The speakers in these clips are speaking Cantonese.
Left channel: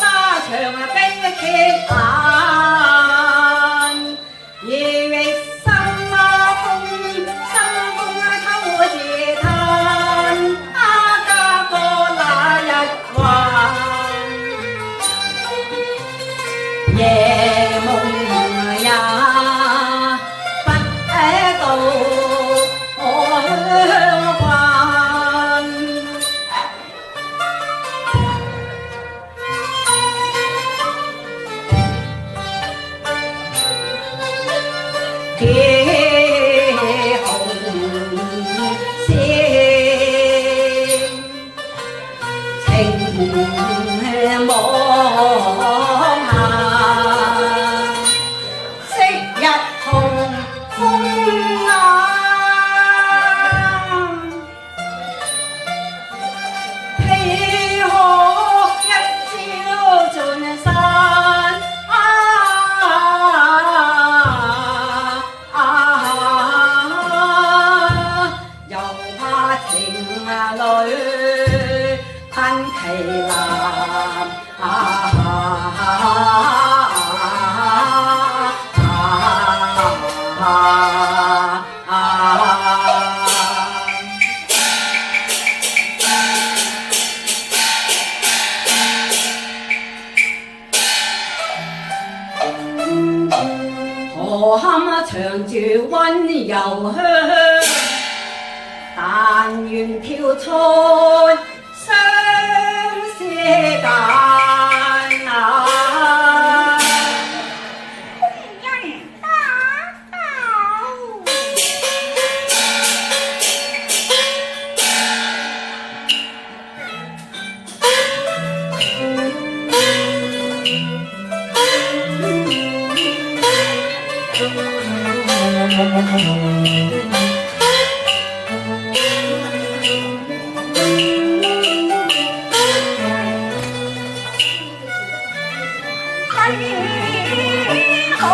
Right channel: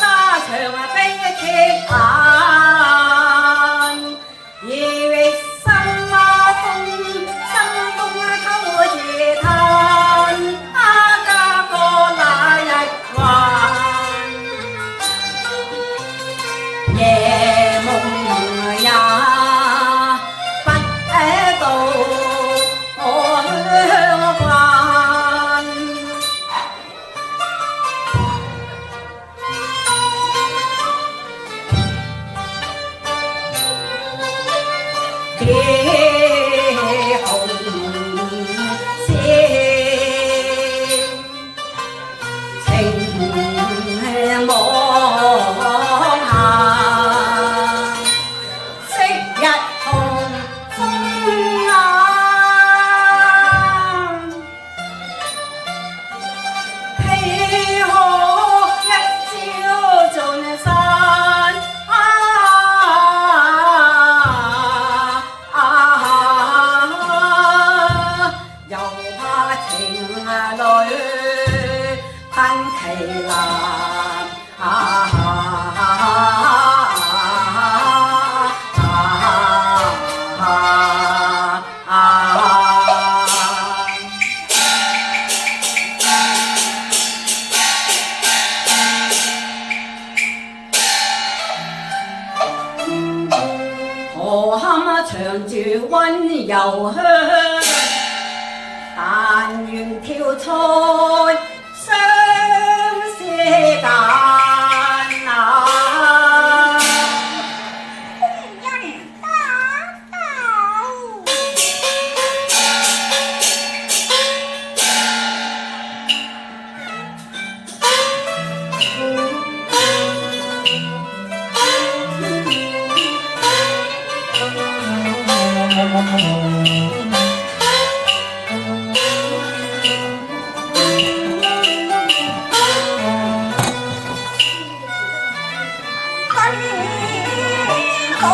沙場悲劇眼，夜月心風秋自嘆，家過那日還，夜夢也不到我鄉關。天紅線，情網下，昔日同風眼，豈可一朝盡散？困其難何堪長住溫柔鄉，但願跳出相思間啊！工人打狗，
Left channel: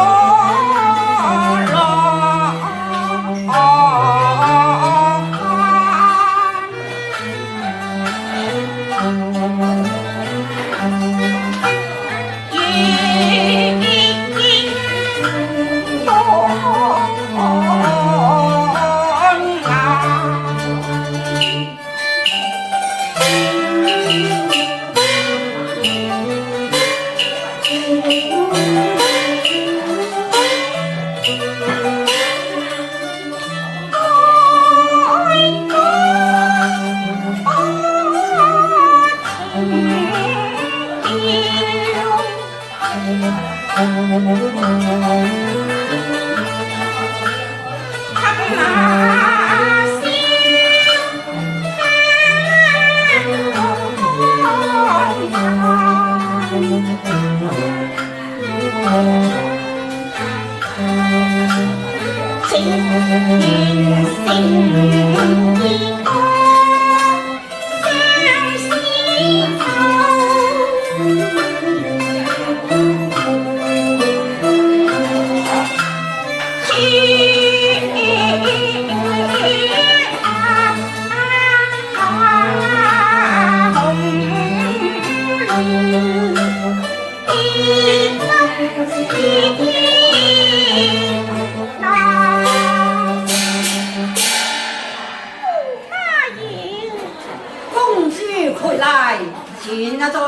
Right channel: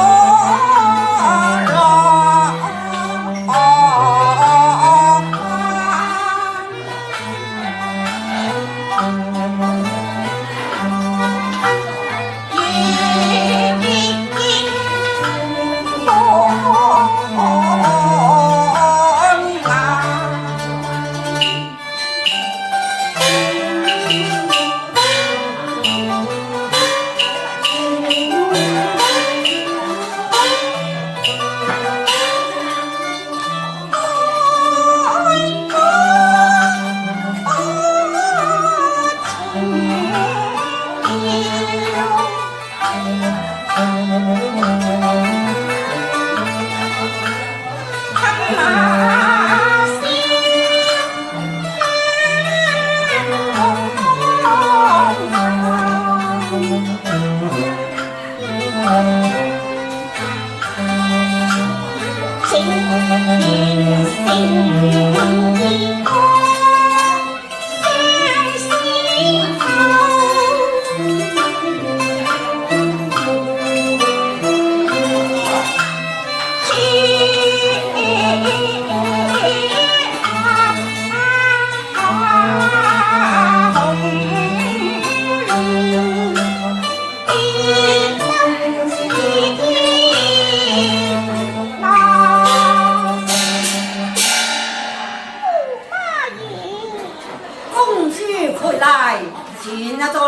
前啊座，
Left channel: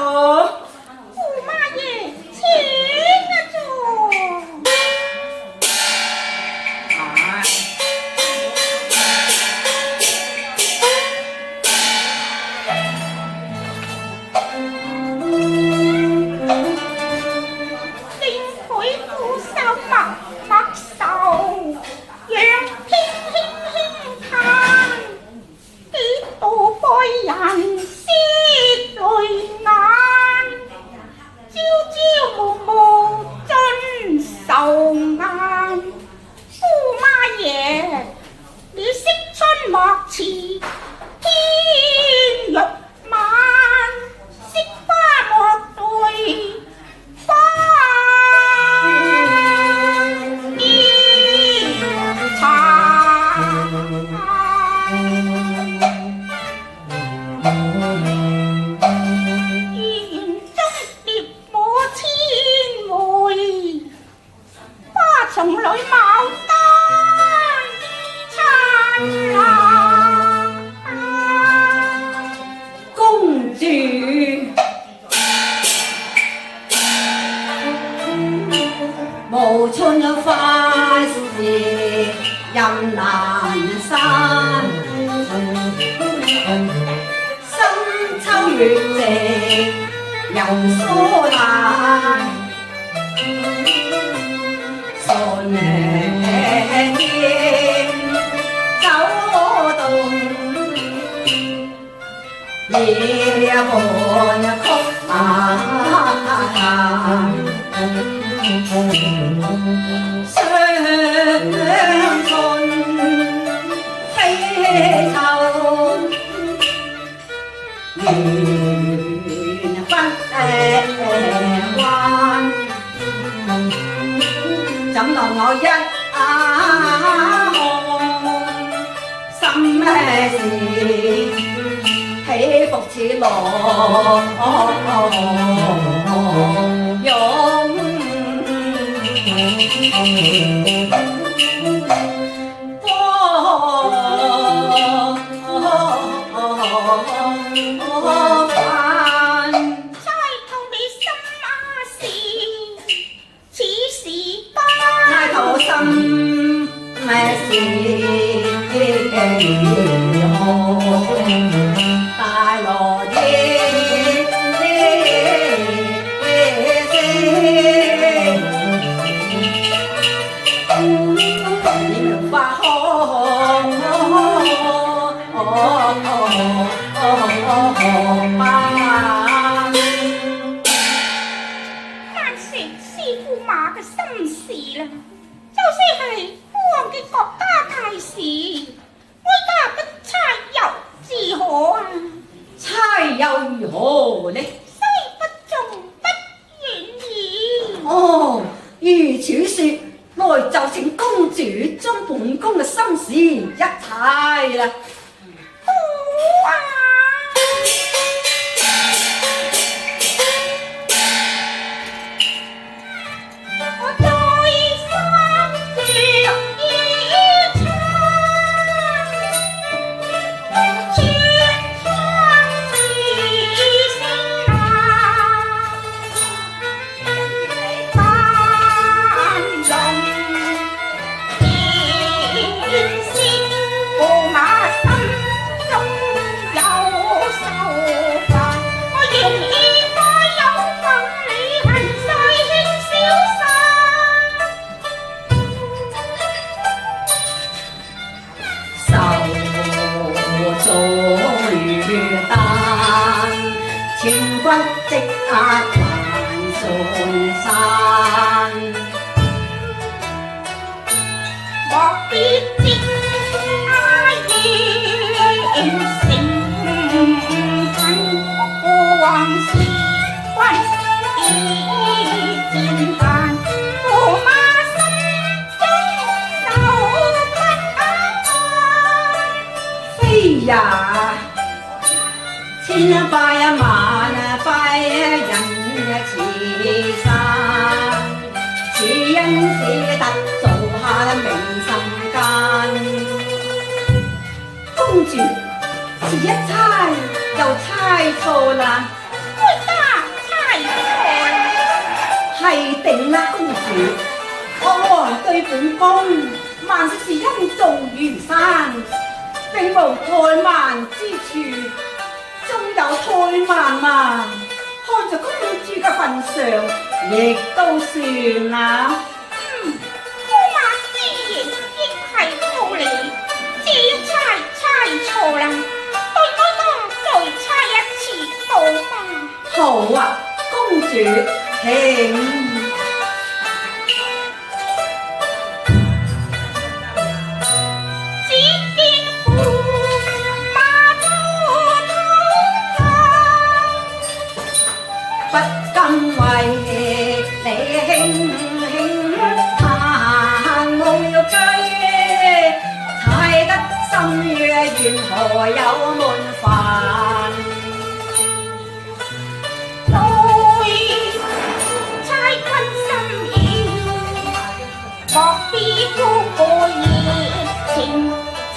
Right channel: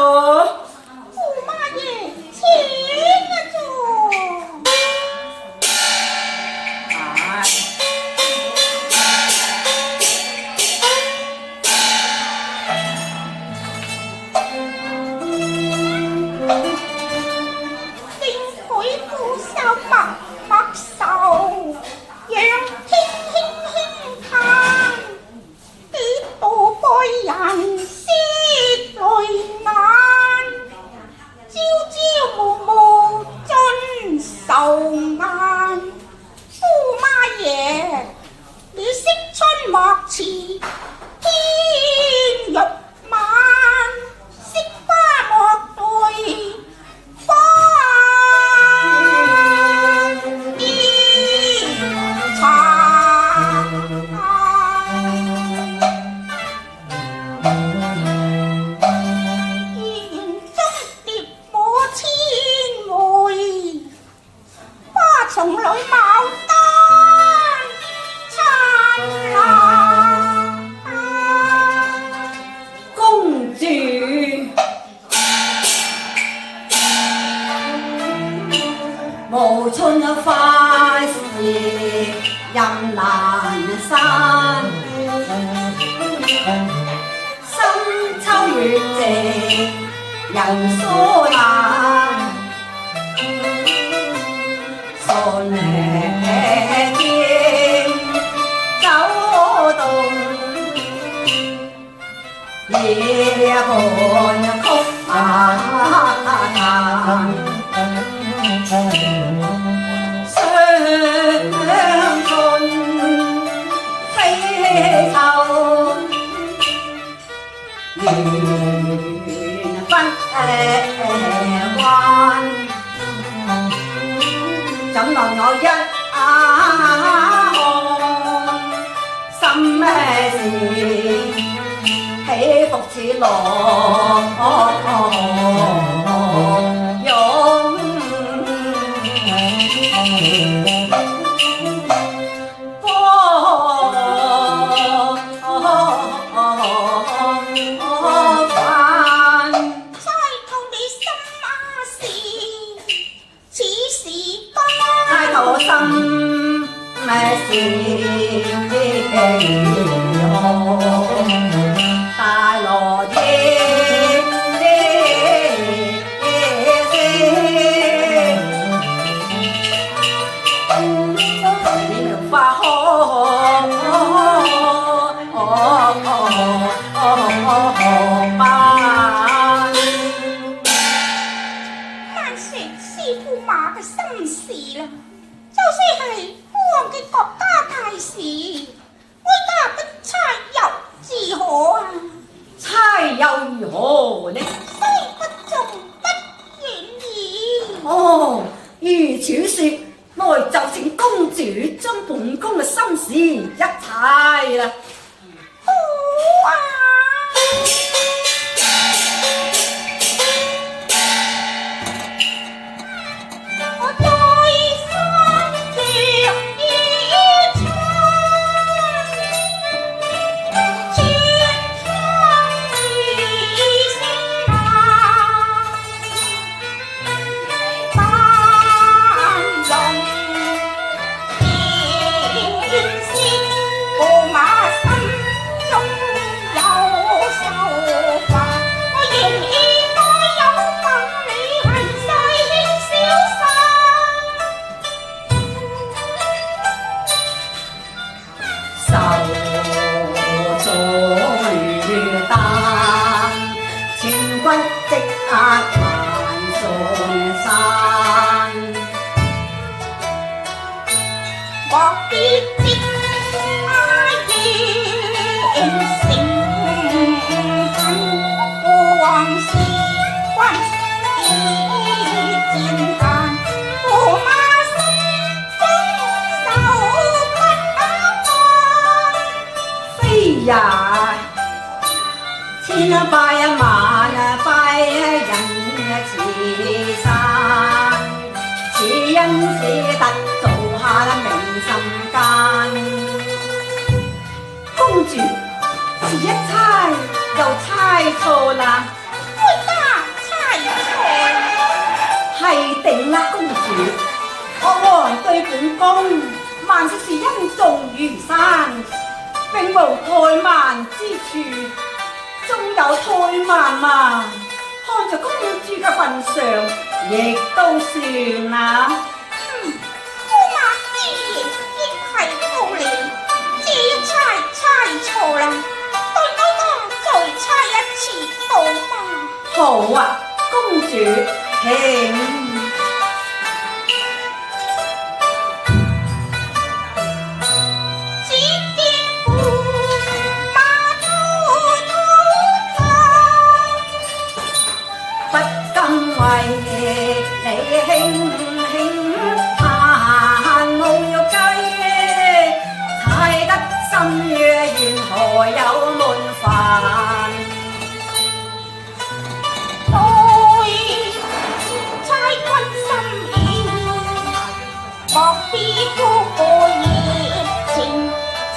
驸馬爺請啊座。令佢俯首默默受，讓輕輕輕嘆，幾度愛人絲淚眼。滿花事任難散，深秋月夕又疏懶，順劍走動，夜半曲馬相信悲秋緣分關，怎奈我一看心事起伏似浪湧，猜透你心事，此時不猜透心事大羅夜花難說師傅馬嘅心事啦。就算係我嘅國家大事，我家不猜又自何啊？猜又如何呢？雖不中不願意。哦，如此說，來就請公主將本宮嘅心事一猜啦。好啊！我再三着衣裳，千窗雨聲啊，萬龍見色，駙馬心中有愁煩，我仍然愛有份你恨碎輕瀟灑。手中雨彈，千骨積壓萬重山。莫必知夜成恨，過往事關已漸淡，駙馬心中愁不安。飛呀，千拜萬拜人慈善，此因只得做下明心間。公主，此一猜又猜錯啦，我家猜錯，係定啦，公主。我王對本宮萬事是恩重如山，並無怠慢之處，縱有怠慢嘛，看在公主嘅份上，亦都算啦。駙馬之言亦係道理，這一猜錯啦，對我家再猜一次好嗎？好啊，公主，請。只見駙馬滔滔走，不甘為你輕輕彈無計，猜得心若緣何有悶煩？猜君心意，莫非孤個熱情漸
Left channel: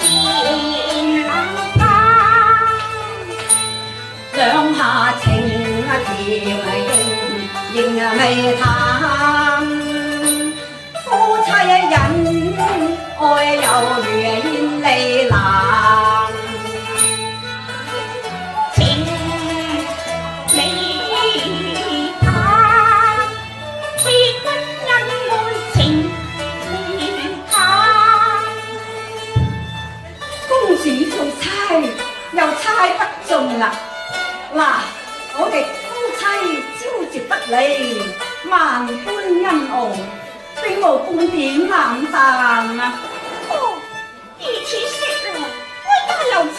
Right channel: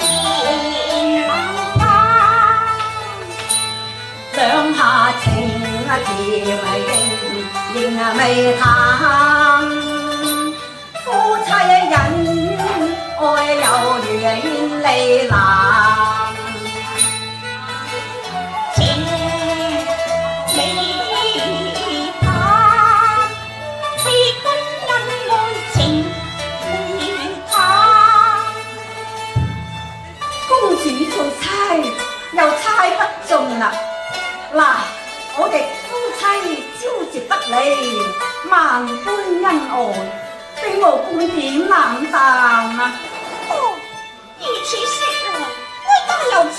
冷淡？兩下情甜仍未淡，夫妻人，愛有如煙離藍。情離他，非君因愛情離他。公主做差又猜不中啦！嗱，我哋夫妻朝夕不離，萬般恩愛，並無半點冷淡啊！哦，如此說來，我也有猜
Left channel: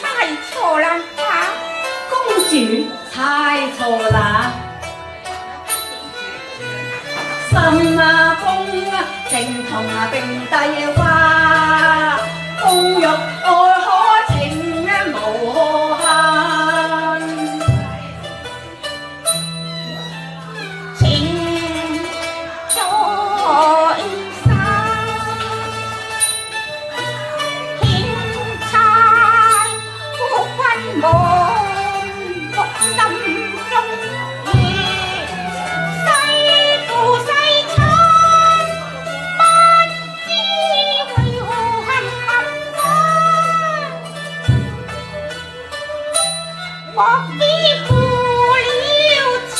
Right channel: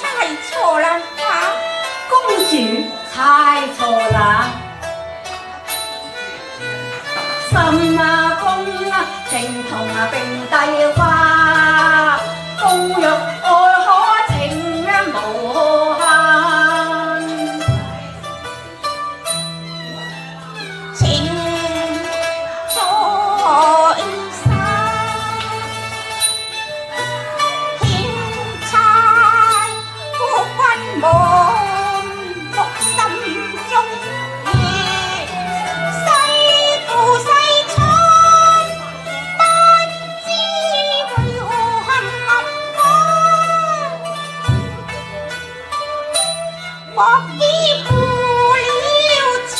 錯啦嚇。公主猜錯啦，心啊公啊，情同並蒂花，公欲愛可情無限。情在心，天差夫君望伏心中意，世故世親，不知為何陷我，莫非負了情？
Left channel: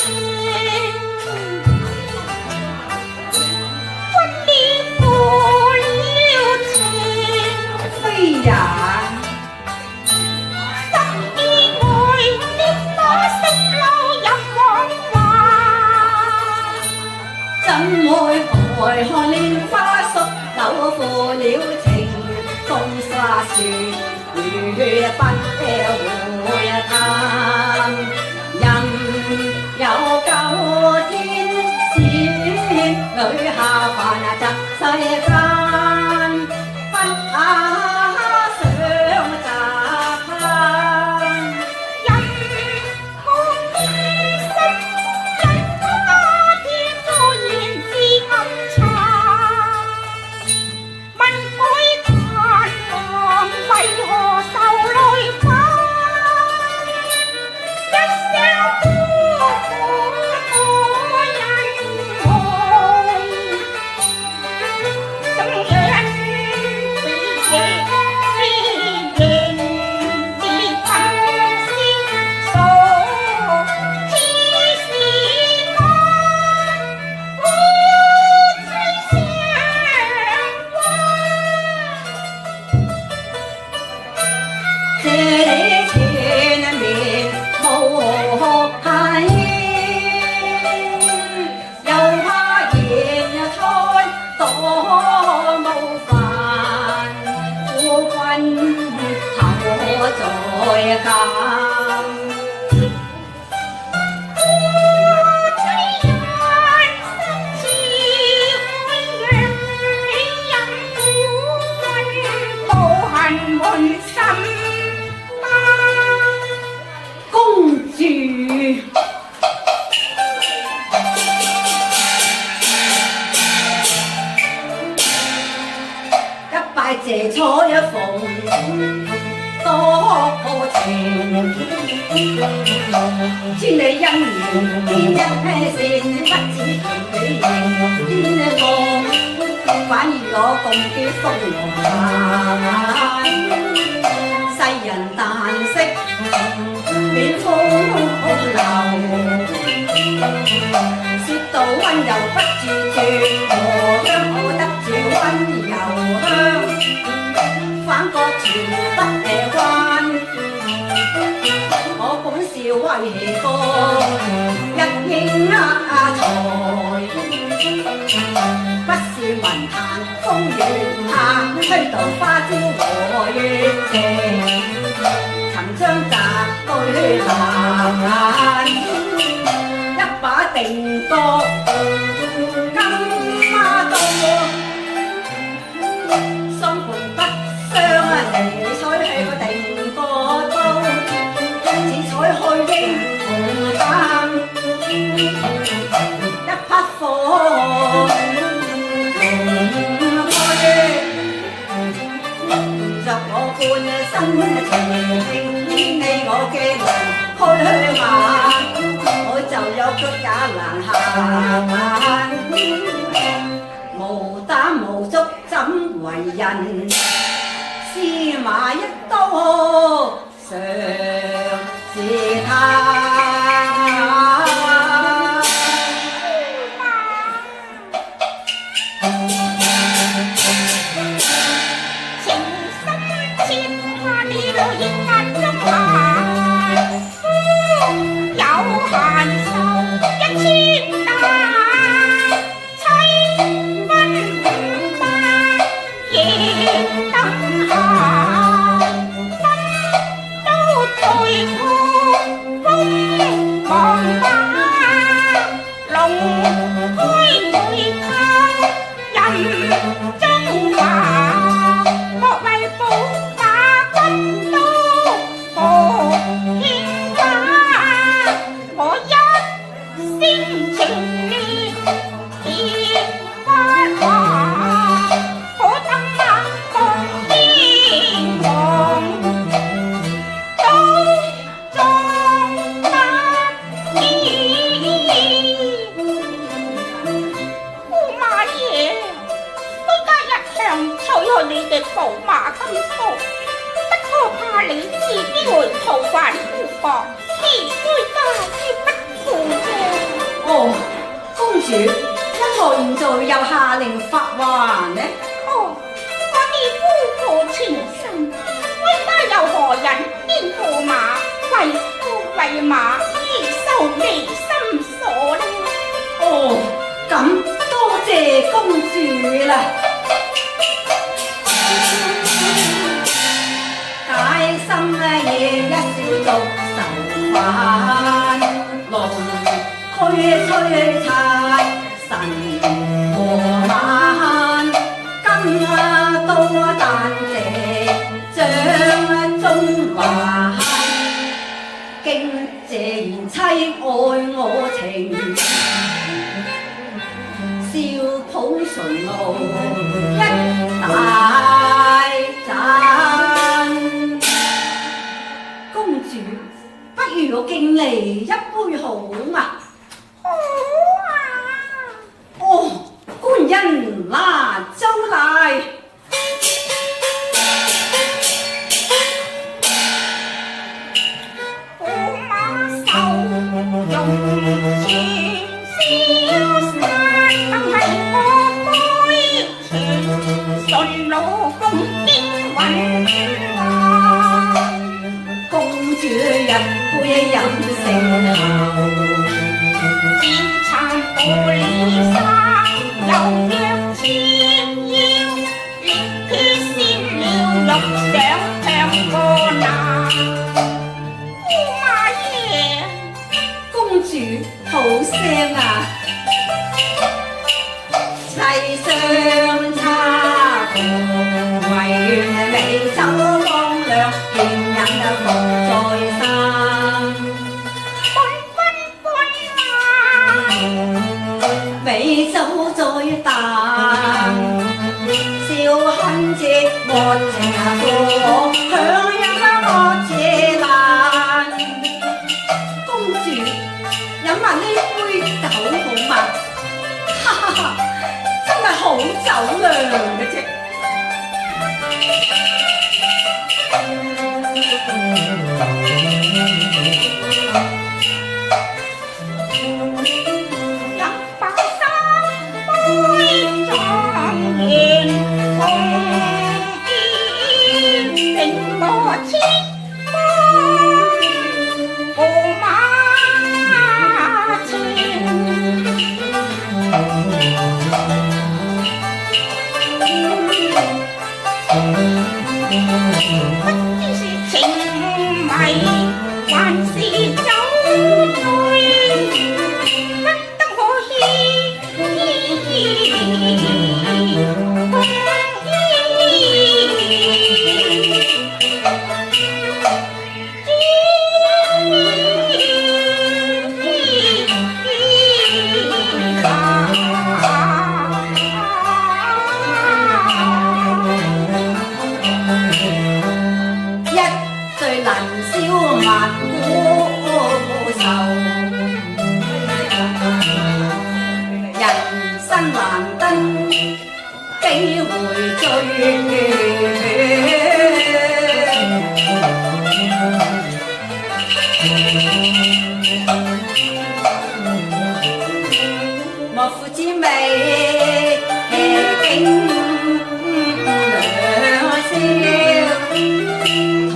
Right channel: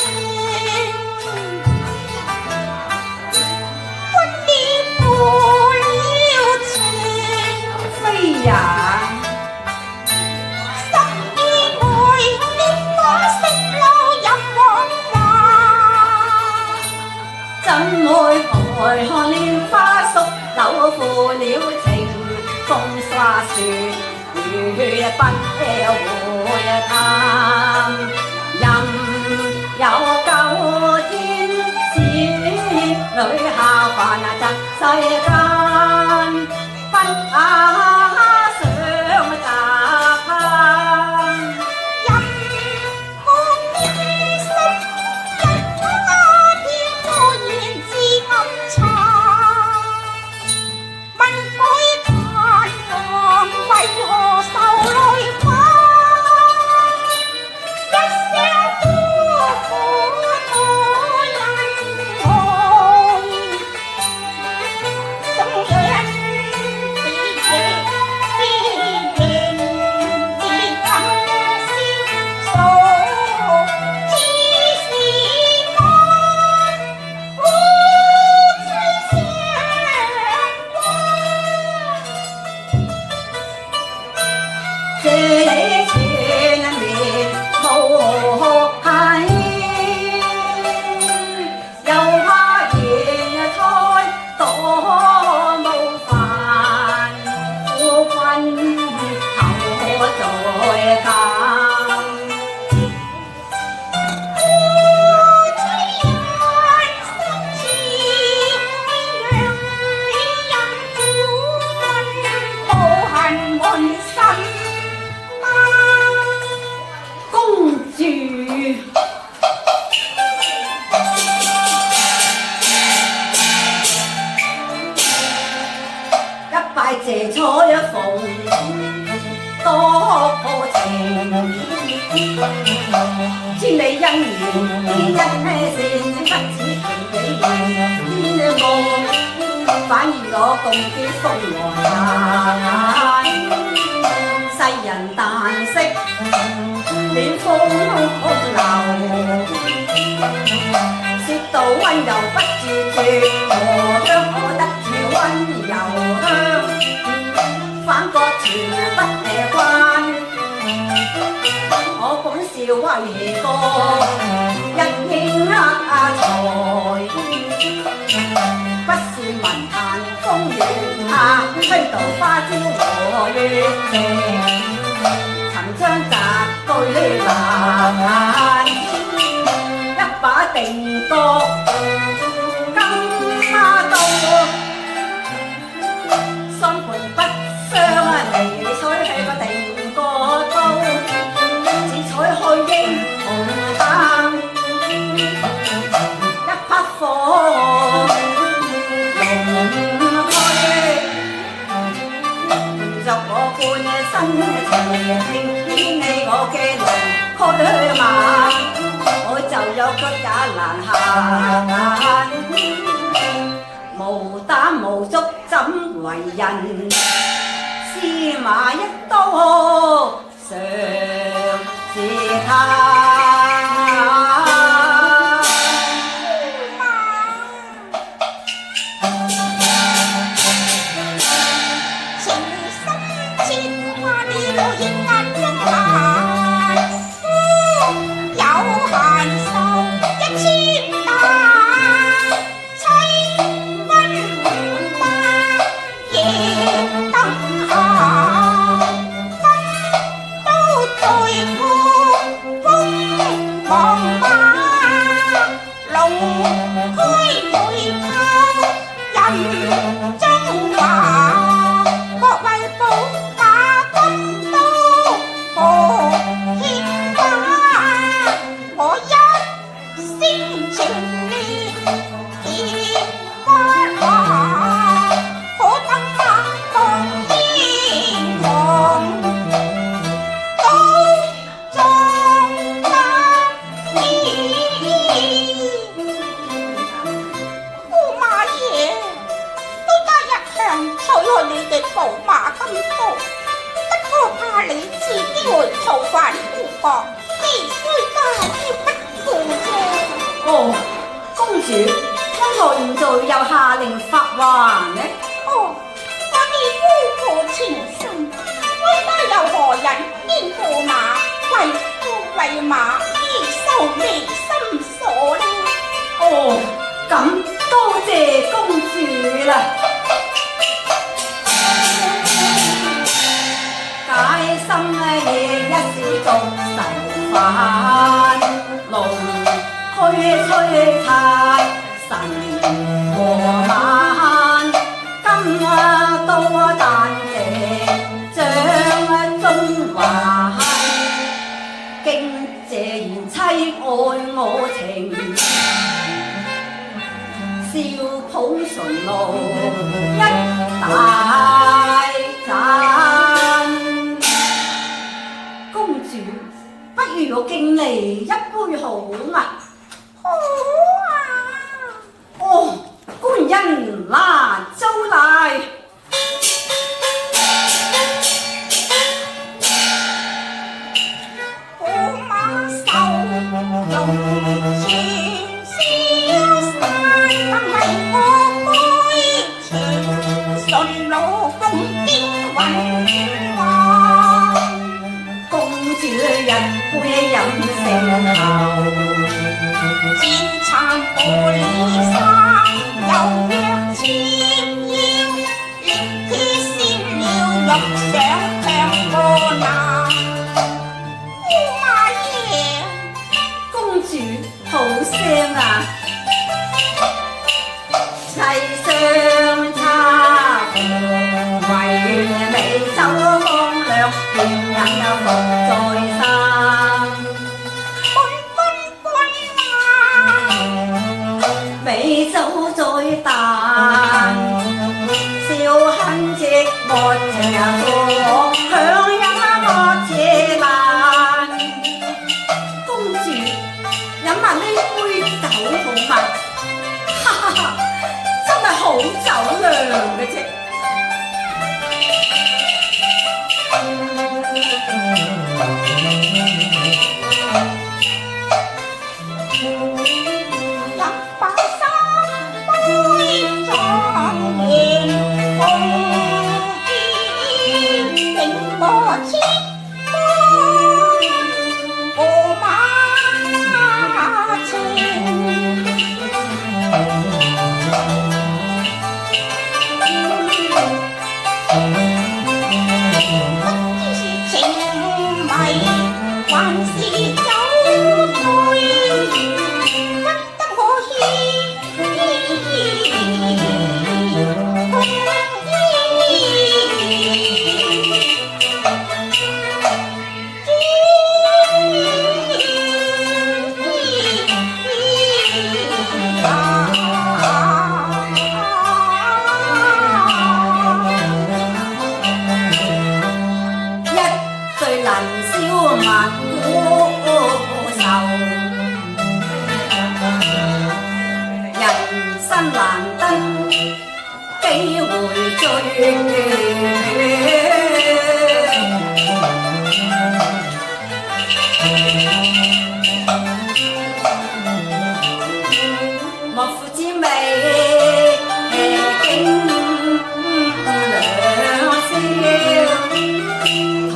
非也，十意愛烈火色流任往還，怎會愛看蓮花熟柳負了情，風沙雪如不會淡。任有九天使女下凡窒世間，不想雜攀。任我偏心一他天我言自暗藏，問佢貪狼為何受累犯？一聲呼我人愛，怎樣是夜是夜是暗先數，此時我夫妻相這裏前面無限，又怕言猜多無煩，夫君後再鑑。夫妻人生似海洋，你任苦分無痕滿心嗎？公主一拜謝彩鳳，多可情。千里姻緣一線，不止情比天光，反而我共結風和難。世人但識暖風流，說到溫柔不自絕，荷香可得住溫柔香，反覺全不關。我本是為國一應才，不是文壇風月下，虛度花招和月情，曾將澤對難，一把定國金刀，心盤不相離，取去個定國刀，只採去英雄膽，一匹火龍去，着我半生情，演你我嘅龍驅馬，我就有腳也難行。無膽無足怎為人？司馬一刀常是他。情深切怕你老眼眼中閒，有閒愁一千擔，妻分五百亦等閒，分都在破風茫茫，龍開對靠任中華，莫為寶馬金刀何牽掛，我一聲情烈結不華，可等那當英皇都壯得意。駙馬爺都加一向取去你嘅寶馬金刀，不過怕你自己會逃犯故國，而哀家亦不負啫。哦，公主，因何現在又下令發還呢？哦，我哋夫婦情深，哀家又何忍見駙馬為夫為馬而受離心鎖呢？哦，咁多謝公主啦。解心夜一笑逐愁煩，龍驅催拆神和晚，今多但謝將中華，敬謝賢妻愛我情，笑抱純露一大盞。公主，不如我敬你一杯好嗎？好啊！哦，官人拿酒來。駙馬受用全消散，但為我杯情，順路共經雲華。公主一杯飲成喉，戰殘玻璃沙，又若千腰，力鐵先了欲上強過那。駙馬爺，公主好聲啊！世上差無為美酒光亮，甜人又服在身。美酒在啖，笑恨寂寞情火，強飲惡且難。公主，飲下呢杯酒好嗎？哈哈哈，真係好酒量嘅啫。飲飽三杯壯言，共宴成個千杯駙馬情。不知是情迷還是酒醉，真得我最能消萬古愁，人生難得幾回醉。莫夫之美景兩笑，桃